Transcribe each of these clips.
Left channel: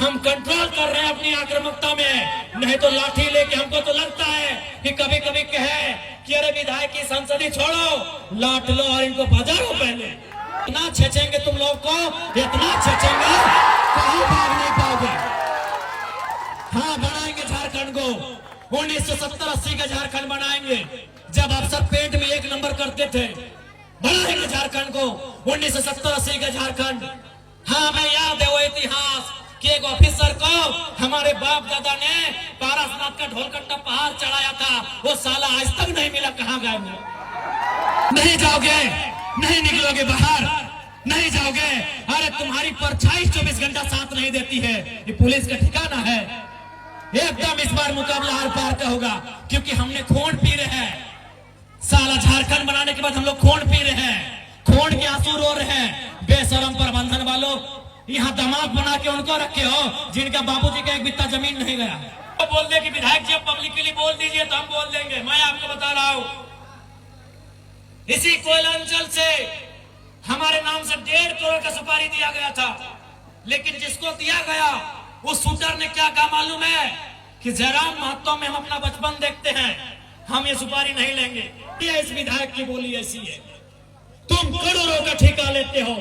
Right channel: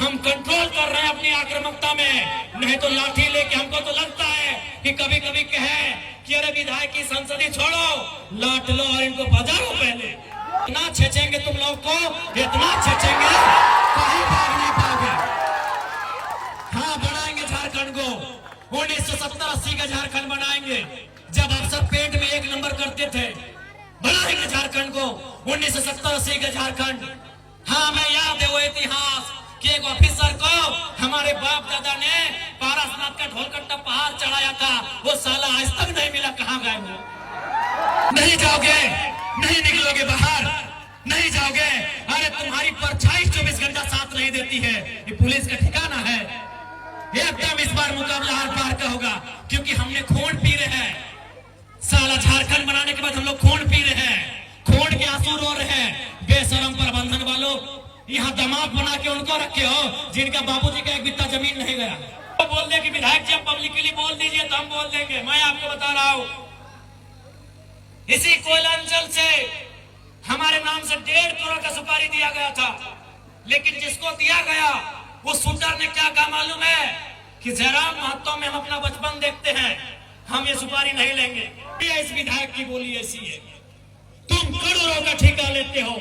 हम कंट्रोल कर रहे हैं अपनी आक्रामकता में, नहीं तो लाठी लेके हमको तो लगता है कि कभी कभी कहे कि अरे विधायक की संसदी छोड़ो, लाट लो और इनको बजाओ। पहले इतना छेचेंगे तुम लोग को, इतना छेचेंगे कहीं भाग नहीं पाओगे। हाँ, बनाएंगे झारखंड को 1970-80 का झारखंड बनाएंगे, जब आप सब पेट में एक नंबर करते थे। बनाएंगे झारखंड को 1970-80 का झारखंड। हाँ, मैं याद है वो इतिहास कि एक ऑफिसर को हमारे बाप दादा ने पारसनाथ का ढोलकट्टा पहाड़ चढ़ाया था, वो साला आज तक नहीं मिला। कहाँ गए वो? नहीं जाओगे, नहीं निकलोगे बाहर, नहीं जाओगे। अरे तुम्हारी परछाई 24 घंटा साथ नहीं देती है। ये पुलिस का ठिकाना है? एकदम इस बार मुकाबला हर पार का होगा, क्योंकि हमने खून पी रहे हैं। साला झारखंड बनाने के बाद हम लोग खून पी रहे हैं, खून के आंसू रो रहे हैं। बेशरम प्रबंधन वालों, यहाँ दामाद बना के उनको रखे हो जिनका बाबूजी का एक बित्ता जमीन नहीं गया। तो बोल दे कि विधायक जी पब्लिकली बोल दीजिए तो हम बोल देंगे। मैं आपको बता रहा हूँ, इसी कोयला अंचल से हमारे नाम से 1.5 करोड़ का सुपारी दिया गया था, लेकिन जिसको दिया गया उस शूटर ने क्या कहा मालूम है? कि जयराम महतो में हम अपना बचपन देखते हैं, हम ये सुपारी नहीं लेंगे। ये इस विधायक की बोली ऐसी है। तुम करोड़ों का ठेका लेते हो,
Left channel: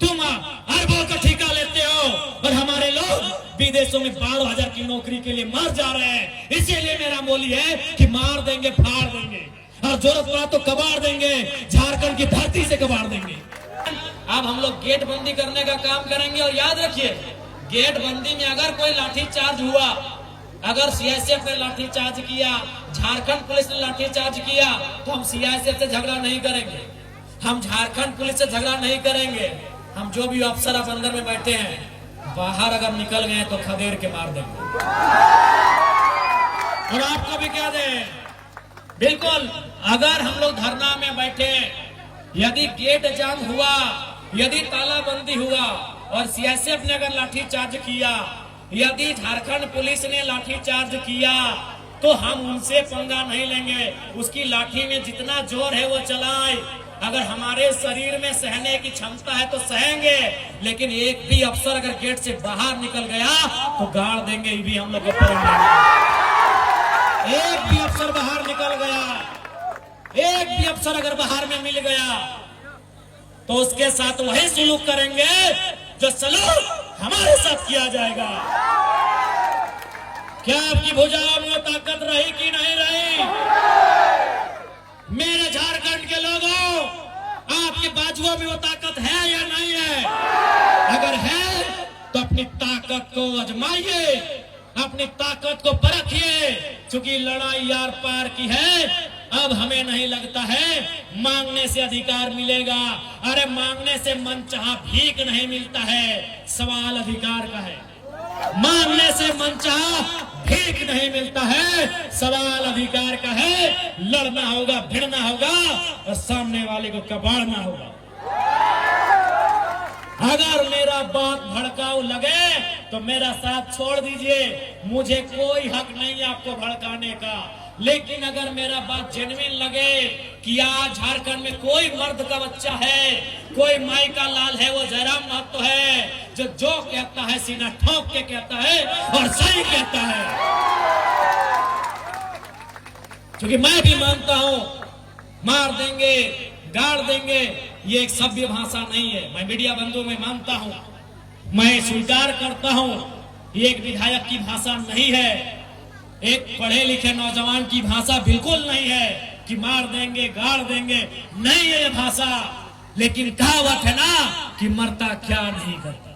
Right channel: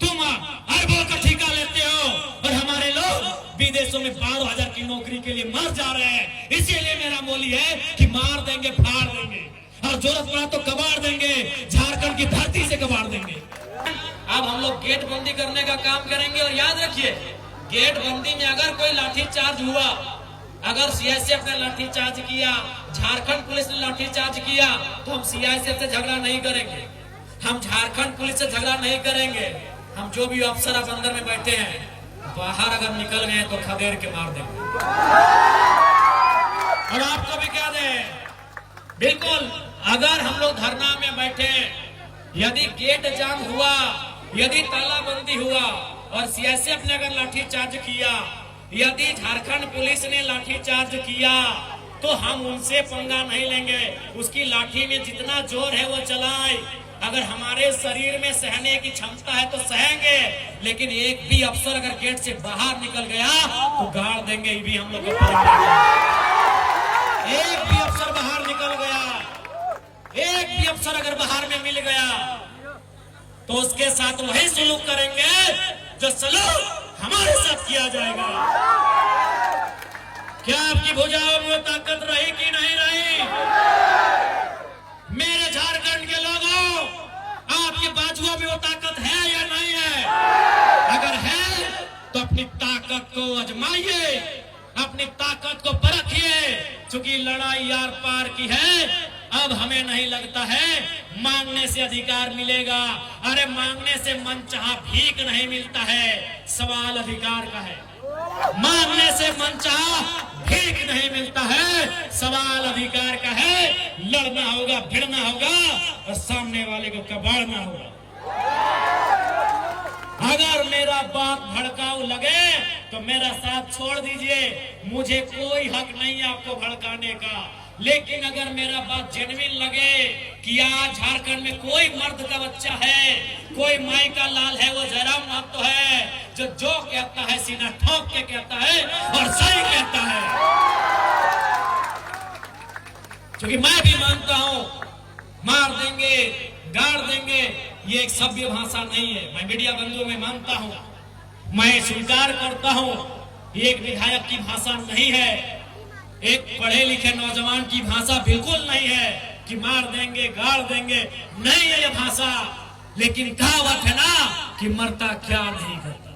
तुम अरबों का ठेका लेते हो, और हमारे लोग विदेशों में 12,000 की नौकरी के लिए मर जा रहे हैं। इसीलिए मेरा बोली है कि मार देंगे, फाड़ देंगे, और जरूरत पड़ा तो कबाड़ देंगे, झारखंड की धरती से कबाड़ देंगे। अब हम लोग गेट बंदी करने का काम करेंगे। और याद रखिए, गेट बंदी में अगर कोई लाठीचार्ज हुआ, अगर सीआईएसएफ ने लाठीचार्ज किया, झारखंड पुलिस ने लाठीचार्ज किया, तो हम सीआईएसएफ से झगड़ा नहीं करेंगे, हम झारखंड पुलिस से झगड़ा नहीं करेंगे। हम जो भी अफसर अब अंदर में बैठे हैं, बाहर अगर निकल गए तो खदेड़ के मार देंगे। और आपको भी कह दें, बिल्कुल अगर हम लोग धरना में बैठे, यदि गेट जाम हुआ, यदि तालाबंदी हुआ और सीआईएसएफ ने अगर लाठीचार्ज किया, यदि झारखंड पुलिस ने लाठीचार्ज किया, तो हम उनसे पंगा नहीं लेंगे। उसकी लाठी में जितना जोर है वो चलाएं। अगर हमारे शरीर में सहने की क्षमता है तो सहेंगे, लेकिन एक भी अफसर अगर गेट से बाहर निकल गया तो गाड़ देंगे। ये भी हम लोग को पड़ेगा। एक भी अफसर बाहर निकल गया, एक भी अफसर अगर बाहर में मिल गया, तो उसके साथ वही सलूक करेंगे जो सलूक हमारे साथ किया जाएगा। क्या आपकी भुजाओं में ताकत रही कि नहीं रही? मेरे झारखंड के लोगों, आपके बाजुओं में वो ताकत है या नहीं है? अगर है तो अपनी ताकत को आजमाइए, अपनी ताकत को परखिए, क्योंकि लड़ाई यार पार की है। अब हमें नहीं लगता है मांगने से अधिकार मिलेगा। अरे मांगने से मनचाहा भीख नहीं मिलता है, सवाल अधिकार का है। मांगने से मनचाहा भीख नहीं मिलता है, सवाल अधिकार का है। लड़ना होगा, भिड़ना होगा और सामने वाले को कबाड़ना होगा। अगर मेरा बात भड़काऊ लगे तो मेरा साथ छोड़ दीजिए, मुझे कोई हक नहीं आपको भड़काने का। लेकिन अगर मेरा बात जेन्युइन लगे कि आज झारखंड में कोई मर्द का बच्चा है, कोई माई का लाल है, वो जयराम महतो है, जो कहता है सीना ठोक के कहता है और सही कहता है। क्योंकि मैं भी मानता हूं, मार देंगे, गाड़ देंगे, ये एक सभ्य भाषा नहीं है। मैं मीडिया बंधुओं में मानता हूं, मैं स्वीकार करता हूं, ये एक विधायक की भाषा नहीं है, एक पढ़े लिखे नौजवान की भाषा बिल्कुल नहीं है कि मार देंगे, गाड़ देंगे, नहीं है ये भाषा। लेकिन कहावत है ना कि मरता क्या नहीं करता।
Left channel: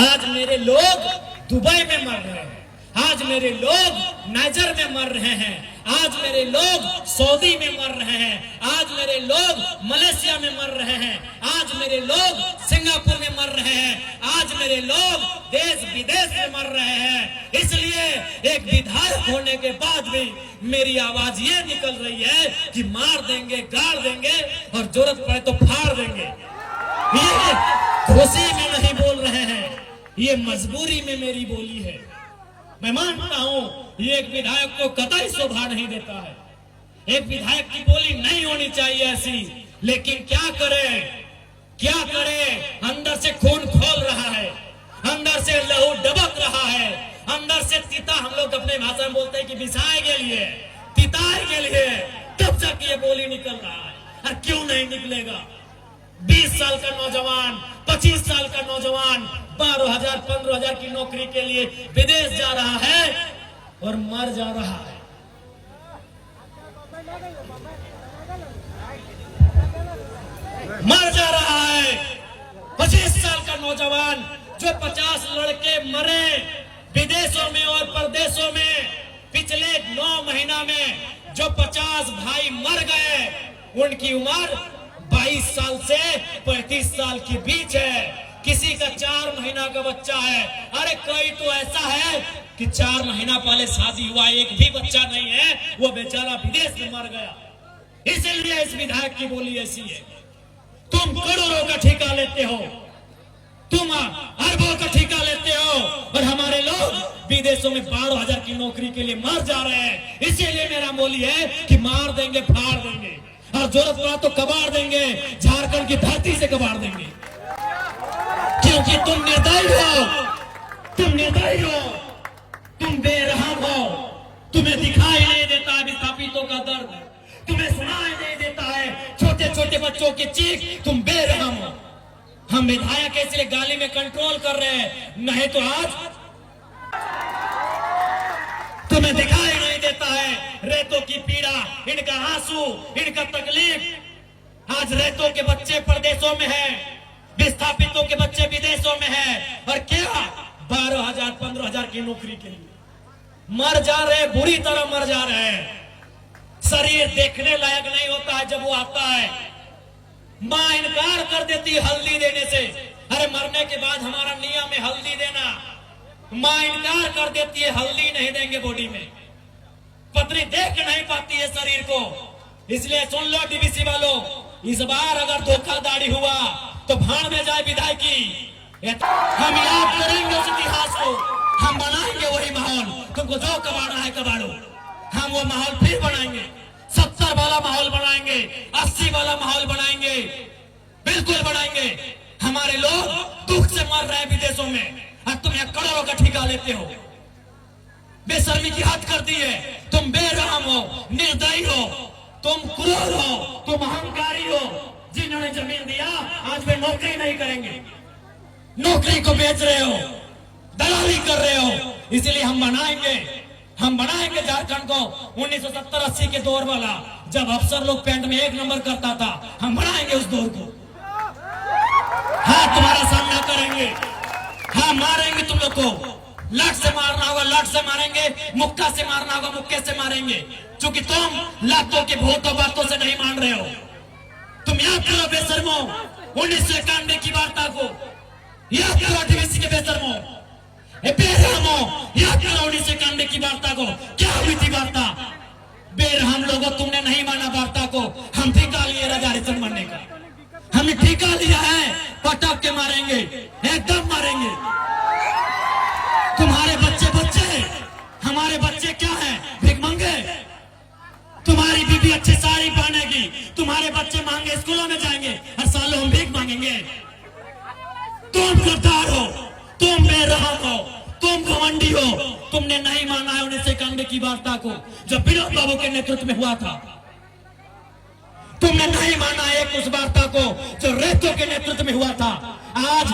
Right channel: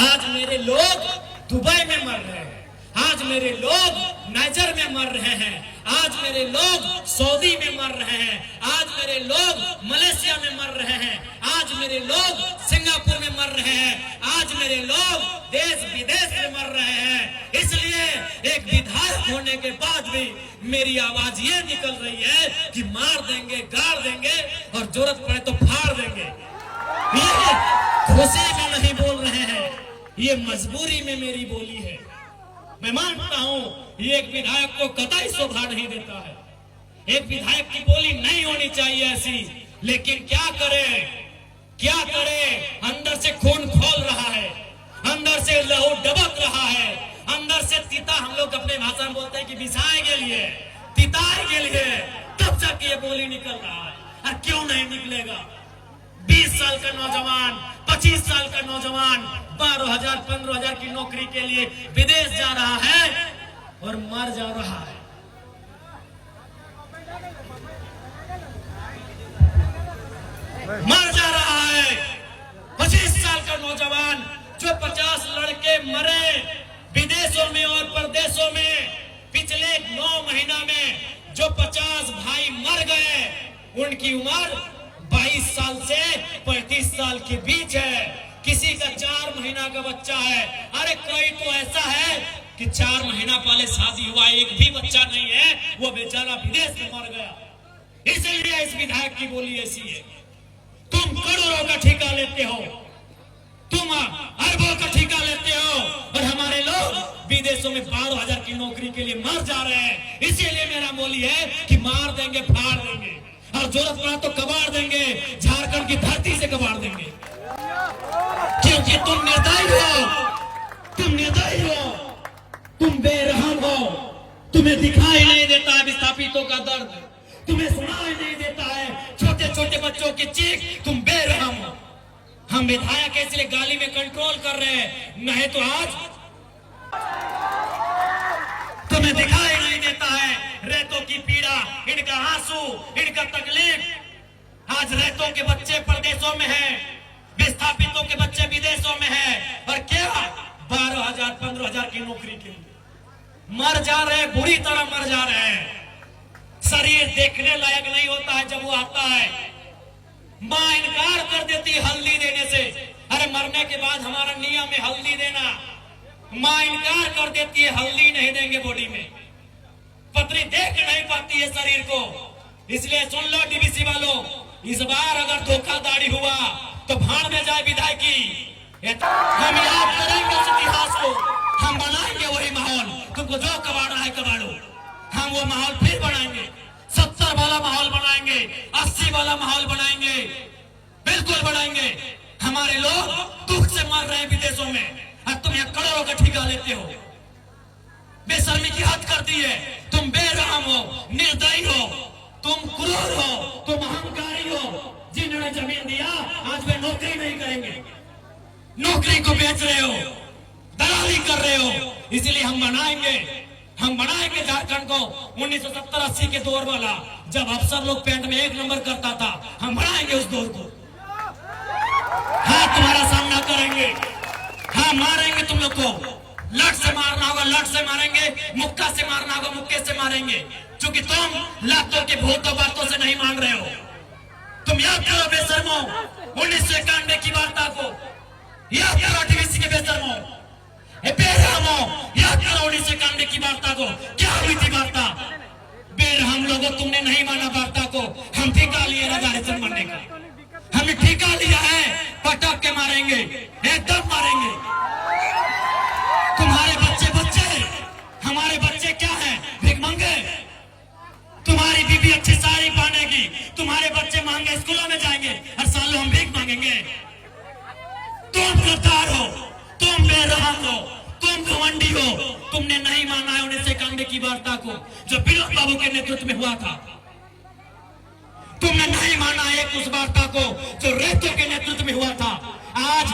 आज मेरे लोग दुबई में मर रहे हैं, आज मेरे लोग नाइजर में मर रहे हैं, आज मेरे लोग सऊदी में मर रहे हैं, आज मेरे लोग मलेशिया में मर रहे हैं, आज मेरे लोग सिंगापुर में मर रहे हैं, आज मेरे लोग देश विदेश में मर रहे हैं। इसलिए एक विधायक होने के बाद भी मेरी आवाज ये निकल रही है कि मार देंगे, गाड़ देंगे और जरूरत पड़े तो फाड़ देंगे। ये खुशी में नहीं बोल रहे हैं, ये मजबूरी में मेरी बोली है। मैं मानता हूं ये एक विधायक को कतई शोभा नहीं देता है, एक विधायक की बोली नहीं होनी चाहिए ऐसी। लेकिन क्या करे, क्या करे, अंदर से खून खोल रहा है, ऐसे भाषा में बोलते हैं कि बिसाए के लिए, तिताए के लिए, तब तक ये बोली निकल रहा है। और क्यों नहीं निकलेगा? 20 साल का नौजवान, 25 साल का नौजवान 12,000 15,000 की नौकरी के लिए विदेश जा रहा है और मर जा रहा है। मर जा रहा है। 25 साल का नौजवान जो 50 लड़के मरे विदेशों में और प्रदेशों में, पिछले 9 महीना में जो 50 भाई मर गए, उनकी उम्र 22 साल से 35 साल के बीच है। किसी का 4 महीना का बच्चा है। अरे कोई तो ऐसा है कि 4 महीना पहले शादी हुआ, एक भी बच्चा नहीं है, वो बेचारा विदेश में मर गया। इसलिए इस विधायक की बोली ऐसी है। तुम करोड़ों का ठेका लेते हो, तुम अरबों का ठेका लेते हो, और हमारे लोग विदेशों में 12,000 की नौकरी के लिए मर जा रहे हैं। इसीलिए मेरा बोली है कि मार देंगे, फाड़ देंगे, और जरूरत पड़ा तो कबाड़ देंगे, झारखंड की धरती से कबाड़ देंगे। क्योंकि तुम निर्दयी हो, तुम निर्दयी हो, तुम बेरहम हो। तुम्हें दिखाई नहीं देता विस्थापितों का दर्द, तुम्हें सुनाई नहीं देता है छोटे छोटे बच्चों की चीख। तुम बेरहम हो। हम विधायक इसलिए गाली में कंट्रोल कर रहे हैं, नहीं तो आज तुम्हें दिखाई नहीं देता है रेतों की पीड़ा, इनका आंसू, इनका तकलीफ। आज रेतों के बच्चे प्रदेशों में हैं, विस्थापितों के बच्चे विदेशों में हैं, और क्या 12,000 15,000 की नौकरी के लिए मर जा रहे, बुरी तरह मर जा रहे हैं। शरीर देखने लायक नहीं होता है जब वो आता है। मां इनकार कर देती है हल्दी देने से। अरे मरने के बाद हमारा नियम है हल्दी देना, मां इनकार कर देती है, हल्दी नहीं देंगे बॉडी में। पत्नी देख नहीं पाती है शरीर को। इसलिए सुन लो डीवीसी वालों, इस बार अगर धोखाधड़ी हुआ तो भाड़ में जाए विधायकी। हम याद करेंगे उस इतिहास को, हम बनाएंगे वही माहौल। तुमको जो कबाड़ना है कबाड़ो, हम वो माहौल फिर बनाएंगे। 70 वाला माहौल बनाएंगे, 80 वाला माहौल बनाएंगे, बिल्कुल बनाएंगे। हमारे लोग दुख से मर रहे हैं विदेशों में, और तुम यहाँ करोड़ों का ठेका लेते हो। बेशर्मी की हद कर दी है। तुम बेरहम हो, निर्दयी हो, तुम क्रूर हो, तुम अहंकारी हो। जिन्होंने जमीन दिया आज वे नौकरी नहीं करेंगे, नौकरी को बेच रहे हो, दलाली कर रहे हो। इसलिए हम बनाएंगे झारखंड को 1970-80 के दौर वाला, जब अफसर लोग पैंट में 1 नंबर करता था। हम बनाएंगे उस दौर को। हाँ, तुम्हारा सामना करेंगे। हाँ, मारेंगे तुम लोग को। लट से मारना होगा लट से मारेंगे, मुक्का से मारना होगा मुक्के से मारेंगे। क्योंकि तुम लातों की भूतों बातों से नहीं मान रहे हो। तुम याद करो बेशर्मो 1991 की वार्ता को, याद करो डीवीसी के बेशर्मो, बेरहमो, याद करो 1991 की वार्ता को। क्या हुई थी वार्ता? बेरहम लोगों, तुमने नहीं माना वार्ता को। हम ठेका लिए राजा हरिचंद बनने का, हमने ठेका लिया है। पटक के मारेंगे, एकदम मारेंगे। तुम्हारे बच्चे हमारे बच्चे क्या हैं? भिखमंगे। तुम्हारी बीबी अच्छी साड़ी पहनेगी, तुम्हारे बच्चे महंगे स्कूलों में जाएंगे, हर साल हम भीख मांगेंगे। तुम गद्दार हो, तुम बेरहम हो, तुम घमंडी हो। तुमने नहीं माना है 1991 की वार्ता को, जो विनोद बाबू के नेतृत्व में हुआ था। तुमने नहीं माना है उस वार्ता को जो रेतों के नेतृत्व में हुआ था। आज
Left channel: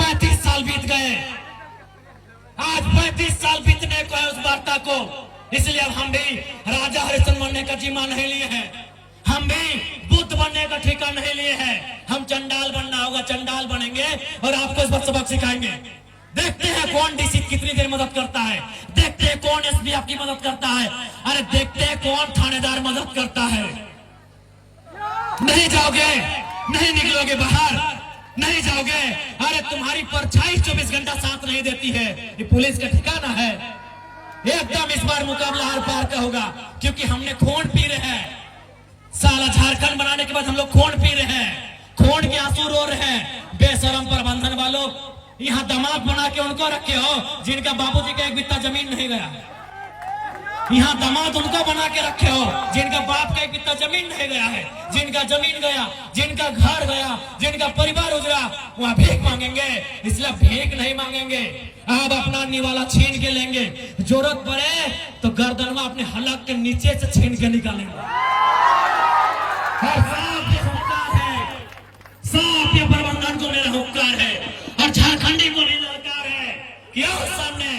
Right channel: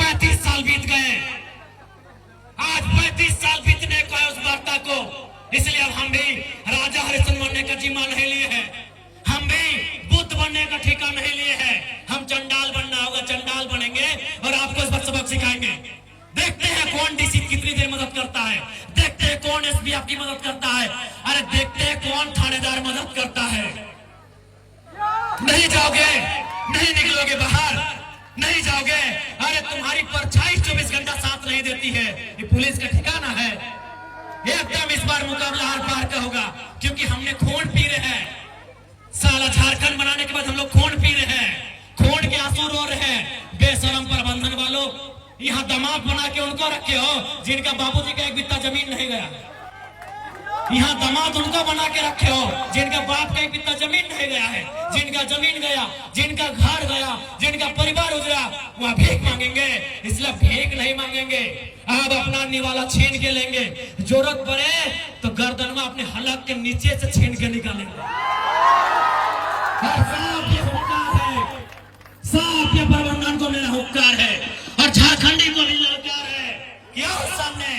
35 साल बीत गए, आज 35 साल बीतने को है उस वार्ता को। इसलिए अब हम भी राजा हरिचंद बनने का जीमा नहीं लिए हैं, हम भी बुद्ध बनने का ठेका नहीं लिए हैं। हम चंडाल बनना होगा, चंडाल बनेंगे और आपको इस वक्त सबक सिखाएंगे। देखते हैं कौन डीसी कितनी देर मदद करता है, देखते हैं कौन एसपी आपकी मदद करता है, अरे देखते हैं कौन थानेदार मदद करता है। नहीं जाओगे, नहीं निकलोगे बाहर, नहीं जाओगे। अरे तुम्हारी परछाई 24 घंटा साथ नहीं देती है। ये पुलिस का ठिकाना है। एकदम इस बार मुकाबला हर पार का होगा, क्योंकि हमने खून पी रहे हैं। साला झारखंड बनाने के बाद हम लोग खून पी रहे हैं, खून के आंसू रो रहे हैं। बेशरम प्रबंधन वालों, यहाँ दामाद बना के उनको रखे हो जिनका बाबूजी का 1 बित्ता जमीन नहीं गया। यहाँ दामाद उनको बना के रखे हो जिनका बाप का एक बित्ता जमीन नहीं गया है, जिनका जमीन गया, जिनका घर गया, जिनका परिवार उजड़ा, वह भीख मांगेंगे। इसलिए भीख नहीं मांगेंगे, अब अपना निवाला छीन के लेंगे। जरूरत पड़े तो गर्दन में अपने हलक के नीचे से छीन के निकालेंगे। और साफ ये हुक्कार है, साफ ये प्रबंधन को मेरा हुक्कार है और झारखंडी को भी ललकार है कि आओ सामने,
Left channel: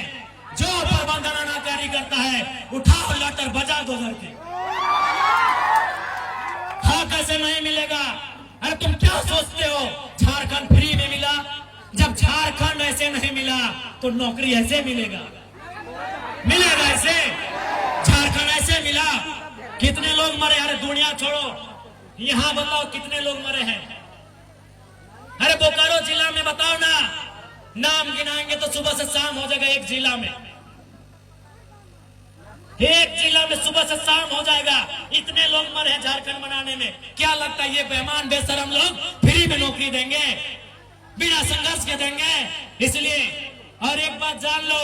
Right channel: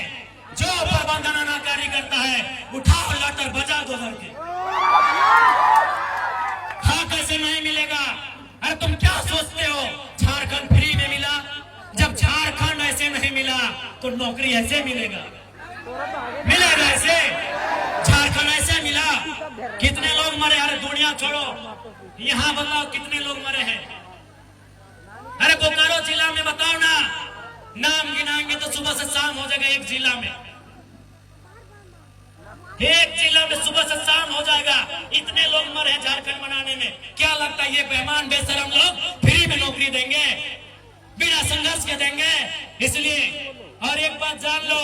जो प्रबंधन अनाकारी करता है उठाओ लाकर बजा दो घर के। हाँ कैसे नहीं मिलेगा? अरे तुम क्या सोचते हो झारखंड फ्री में मिला? जब झारखंड ऐसे नहीं मिला तो नौकरी ऐसे मिलेगा? मिलेगा ऐसे? झारखंड ऐसे मिला? कितने लोग मरे? अरे दुनिया छोड़ो, यहाँ बताओ कितने लोग मरे हैं? अरे बोकारो जिला में बताओ ना, नाम गिनाएंगे तो सुबह से शाम हो जाएगा। एक जिला में सुबह से शाम हो जाएगा। इतने लोग मरे हैं झारखंड बनाने में। क्या लगता है ये बेईमान बेशरम लोग फ्री में नौकरी देंगे? बिना संघर्ष के देंगे? इसलिए और एक बात जान लो,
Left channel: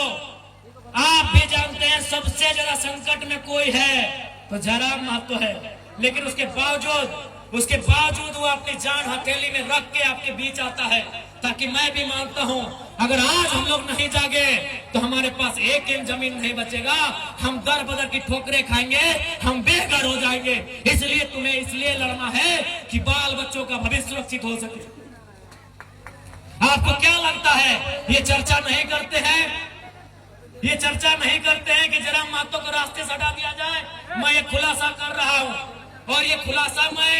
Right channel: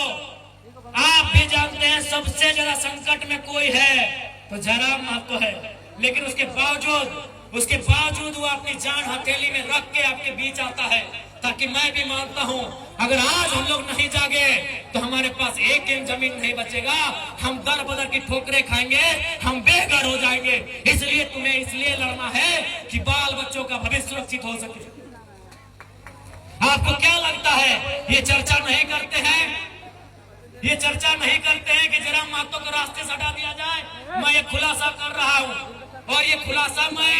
आप भी जानते हैं सबसे ज्यादा संकट में कोई है तो जयराम महतो है, लेकिन उसके बावजूद वो अपनी जान हथेली में रख के आपके बीच आता है। ताकि मैं भी मानता हूँ अगर आज हम लोग नहीं जागे तो हमारे पास एक इंच जमीन नहीं बचेगा, हम दर बदर की ठोकरें खाएंगे, हम बेघर हो जाएंगे। इसलिए तुम्हें इसलिए लड़ना है कि बाल बच्चों का भविष्य सुरक्षित हो सके। आपको क्या लगता है ये चर्चा नहीं करते हैं? ये चर्चा नहीं करते हैं कि जयराम महतो को रास्ते से हटा दिया जाए? मैं ये खुलासा कर रहा हूँ और ये खुलासा मैं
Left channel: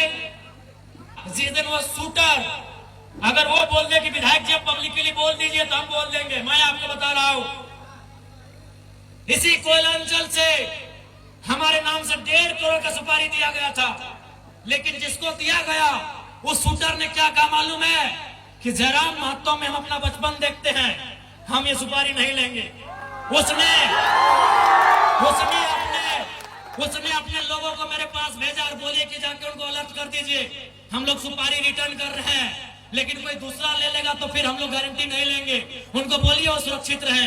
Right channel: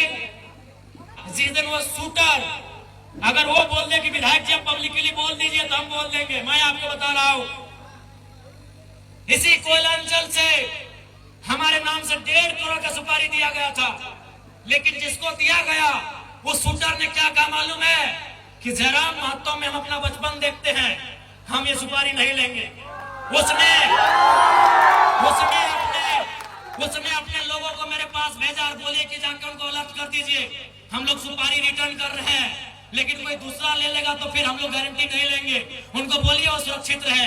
जिस दिन वो शूटर अगर वो बोल दे कि विधायक जी आप पब्लिकली बोल दीजिए तो हम बोल देंगे। मैं आपको बता रहा हूं इसी कोयलांचल से हमारे नाम से 1.5 करोड़ का सुपारी दिया गया था, लेकिन जिसको दिया गया उस शूटर ने क्या कहा मालूम है? कि जयराम महतो में हम अपना बचपन देखते हैं, हम ये सुपारी नहीं लेंगे। उसने अपने लोगों को मेरे पास भेजा और बोले कि जाकर उनको अलर्ट कर दीजिए, हम लोग सुपारी रिटर्न कर रहे हैं, लेकिन कोई दूसरा ले लेगा तो फिर हम लोग गारंटी नहीं लेंगे। उनको बोलिए वो सुरक्षित रहे,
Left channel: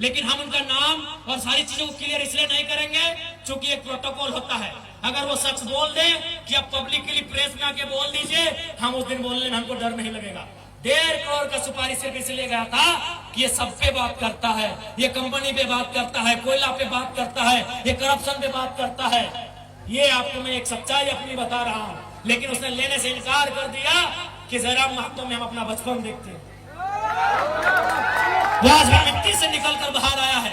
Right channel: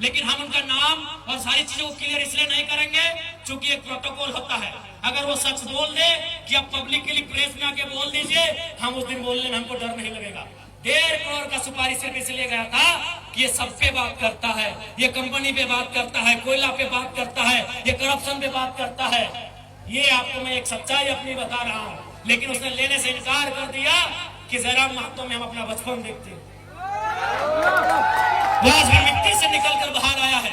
लेकिन हम उनका नाम और सारी चीजों को क्लियर इसलिए नहीं करेंगे क्योंकि एक प्रोटोकॉल होता है। अगर वो शख्स बोल दे कि आप पब्लिक के लिए प्रेस में आके बोल दीजिए, हम उस दिन बोलने में हमको डर नहीं लगेगा। 1.5 करोड़ का सुपारी सिर्फ इसलिए गया था कि ये सब पे बात करता है, ये कंपनी पे बात करता है, कोयला पे बात करता है, ये करप्शन पे बात करता है। ये आपको मैं एक सच्चाई अपनी बता रहा हूँ, लेकिन उसने लेने से इनकार कर दिया कि जयराम महतो में हम अपना बचपन देखते हैं। आज भी मिट्टी से निकलकर बाहर आया है।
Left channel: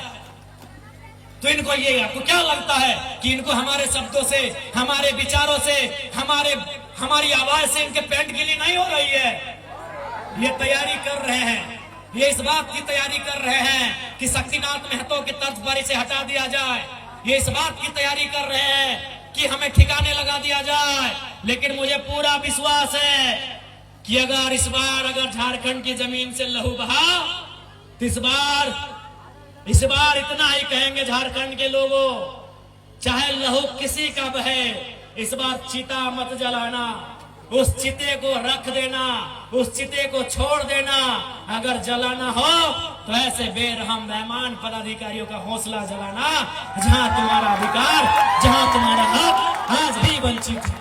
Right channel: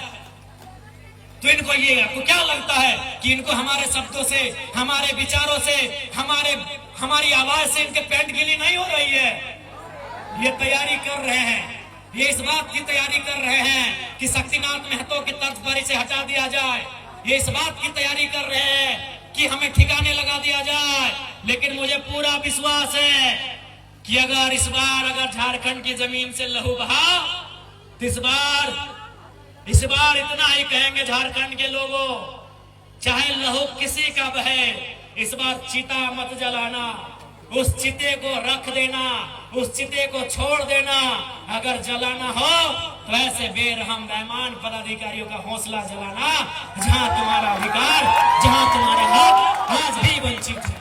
तो इनको ये आपको क्या लगता है कि इनको हमारे शब्दों से, हमारे विचारों से, हमारी आवाज से इनके पेंट गिली नहीं हो रही है? ये तैयारी कर रहे हैं, ये इस बात की तैयारी कर रहे हैं कि शक्तिनाथ महतो के तर्ज पर इसे हटा दिया जाए। ये इस बात की तैयारी कर रहे हैं कि हमें ठिकाने लगा दिया जाए। लेकिन मुझे पूरा विश्वास है कि अगर इस बार झारखंड की जमीन से लहू बहा तो इस बार इतना ही कहेंगे झारखंड के लोगों, चाहे लहू किसी का बहे, इस बार चिता मत जलाना, उस चिते को रख देना, उस चिते को छोड़ देना। अगर जलाना हो तो ऐसे बेरहम बेईमान पदाधिकारियों का हौसला जलाना जहां तुम्हारा अधिकार, जहां तुम्हारा हक आज भी वंचित है।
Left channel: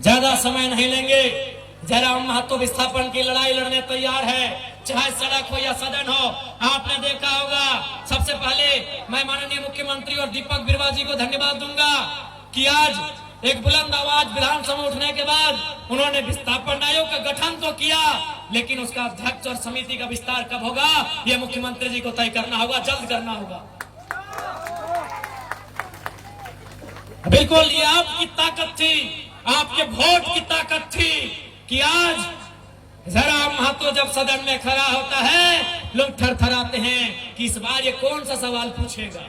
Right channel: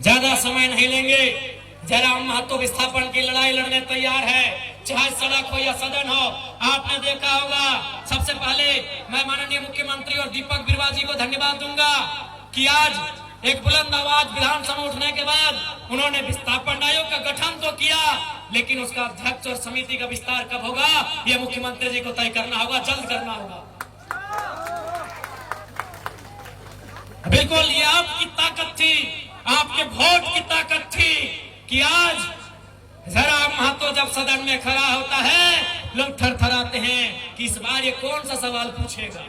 ज्यादा समय नहीं लेंगे, जयराम महतो विस्थापन की लड़ाई लड़ने तैयार है, चाहे सड़क हो या सदन हो। आपने देखा होगा, सबसे पहले मैं माननीय मुख्यमंत्री और दीपक बिरुवा जी को धन्यवाद दूंगा कि आज एक बुलंद आवाज विधानसभा में उठने के बाद उन्होंने विस्थापन आयोग का गठन तो किया, लेकिन उसका अध्यक्ष और समिति का विस्तार कब होगा यह मुख्यमंत्री जी को तय करना होगा, जल्द करना होगा। बिल्कुल ये आपकी ताकत थी, आपके वोट की ताकत थी कि आज जयराम महतो जब सदन में खड़ा होता है लोग थरथराते हैं कि इस बार ये कौन सा सवाल पूछेगा।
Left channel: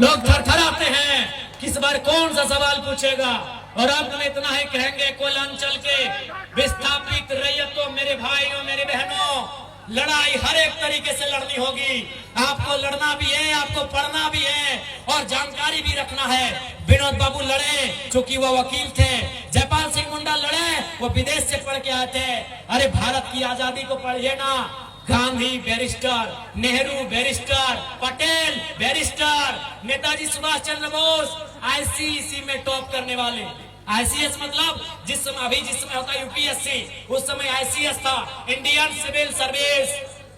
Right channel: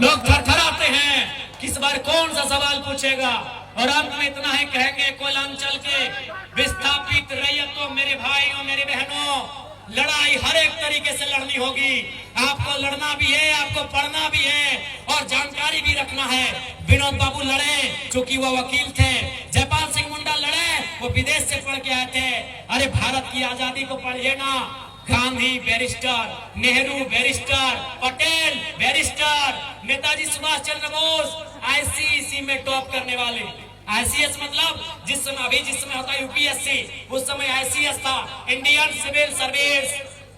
लोग थरथराते हैं कि इस बार कौन सा सवाल पूछेगा। और अंत में इतना ही कहेंगे, कोयलांचल के विस्थापित रैयतों, मेरे भाइयों मेरी बहनों, लड़ाई हर एक तरीके से लड़नी होगी। आपको लड़ना भी है, आपको पढ़ना भी है और जानकारी भी रखना है। विनोद बाबू लड़े क्योंकि वह वकील थे, जयपाल सिंह मुंडा लड़े वो विदेश से पढ़ के आए थे। अरे भारत की आजादी को पढ़िए ना, Gandhi barrister, Nehru barrister, Patel barrister, Netaji Subhash Chandra Bose ICSE में टॉप करने वाले। आईसीएस मतलब जिस समय होता यूपीएससी, उस समय आईसीएस था, Indian civil service.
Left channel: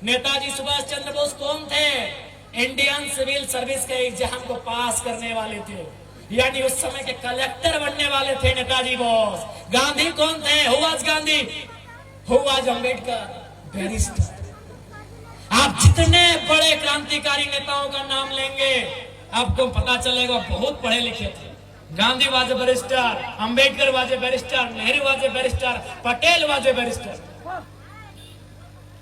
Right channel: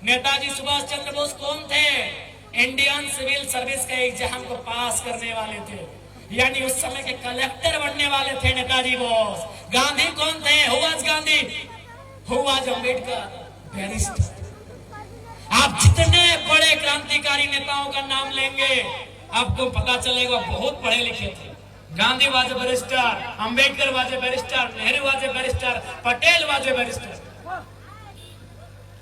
Netaji Subhash Chandra Bose कौन थे? इंडियन सिविल सर्विस का एग्जाम को पास करने वाले थे, यानी उस समय के कलेक्टर बनने वाले थे नेताजी बोस। गांधी कौन थे? Who was Gandhi? Who was Ambedkar? Barrister. आप जितने बड़े क्रांतिकारी नेताओं का नाम लेंगे आपको पता चलेगा बहुत पढ़े लिखे थे। Gandhi was a barrister, Ambedkar was a barrister, Nehru was a barrister, Patel was a barrister,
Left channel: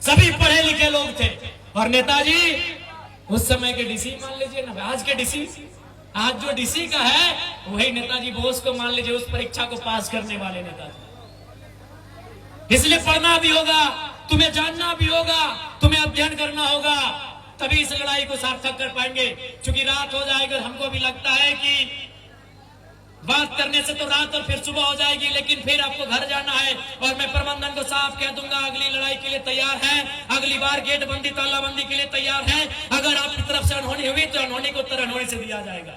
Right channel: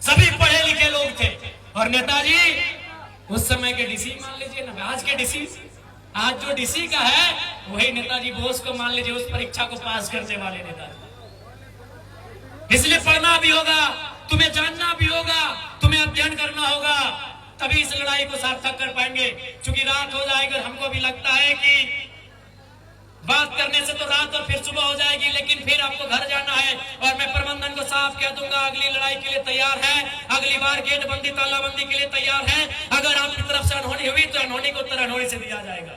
सभी पढ़े लिखे लोग थे। और नेताजी उस समय के डीसी मान लीजिए ना, आज के डीसी, आज जो डीसी का है वही नेताजी बोस को मान लीजिए, उस परीक्षा को पास करने वाले नेताजी। इसलिए पढ़ना भी होगा, तुम्हें जानना भी होगा, तुम्हें अध्ययन करना होगा, तभी इस लड़ाई को सार्थक कर पाएंगे। क्योंकि रात हो जाएगी और हमको भी लगता है कि बात करने से तो रात और फिर सुबह हो जाएगी, लेकिन फिर आपको घर जाना है। और मैं प्रबंधन को साफ कह दूंगा, अगली लड़ाई के लिए तैयार है, अगली बार गेट बंदी तालाबंदी के लिए तैयार है। अगर आपकी तरफ से अनहोनी हुई तो अनहोनी का उत्तर अनहोनी से दिया जाएगा,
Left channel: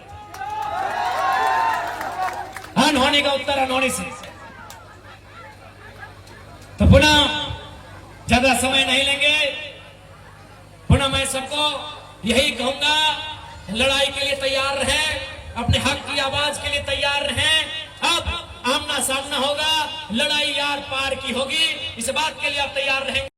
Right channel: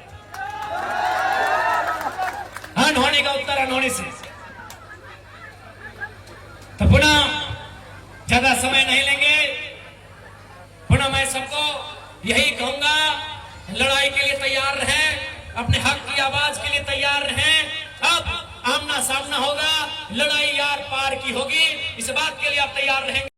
अनहोनी का उत्तर अनहोनी से। तो पुनः ज्यादा समय नहीं लेंगे, पुनः मैं सबको यही कहूंगा, लड़ाई के लिए तैयार रहें, अपने हक की आवाज के लिए तैयार रहें। अब आमना सामना होगा, लड़ाई यार पार की होगी, इस बात के लिए आप तैयार रहेंगे।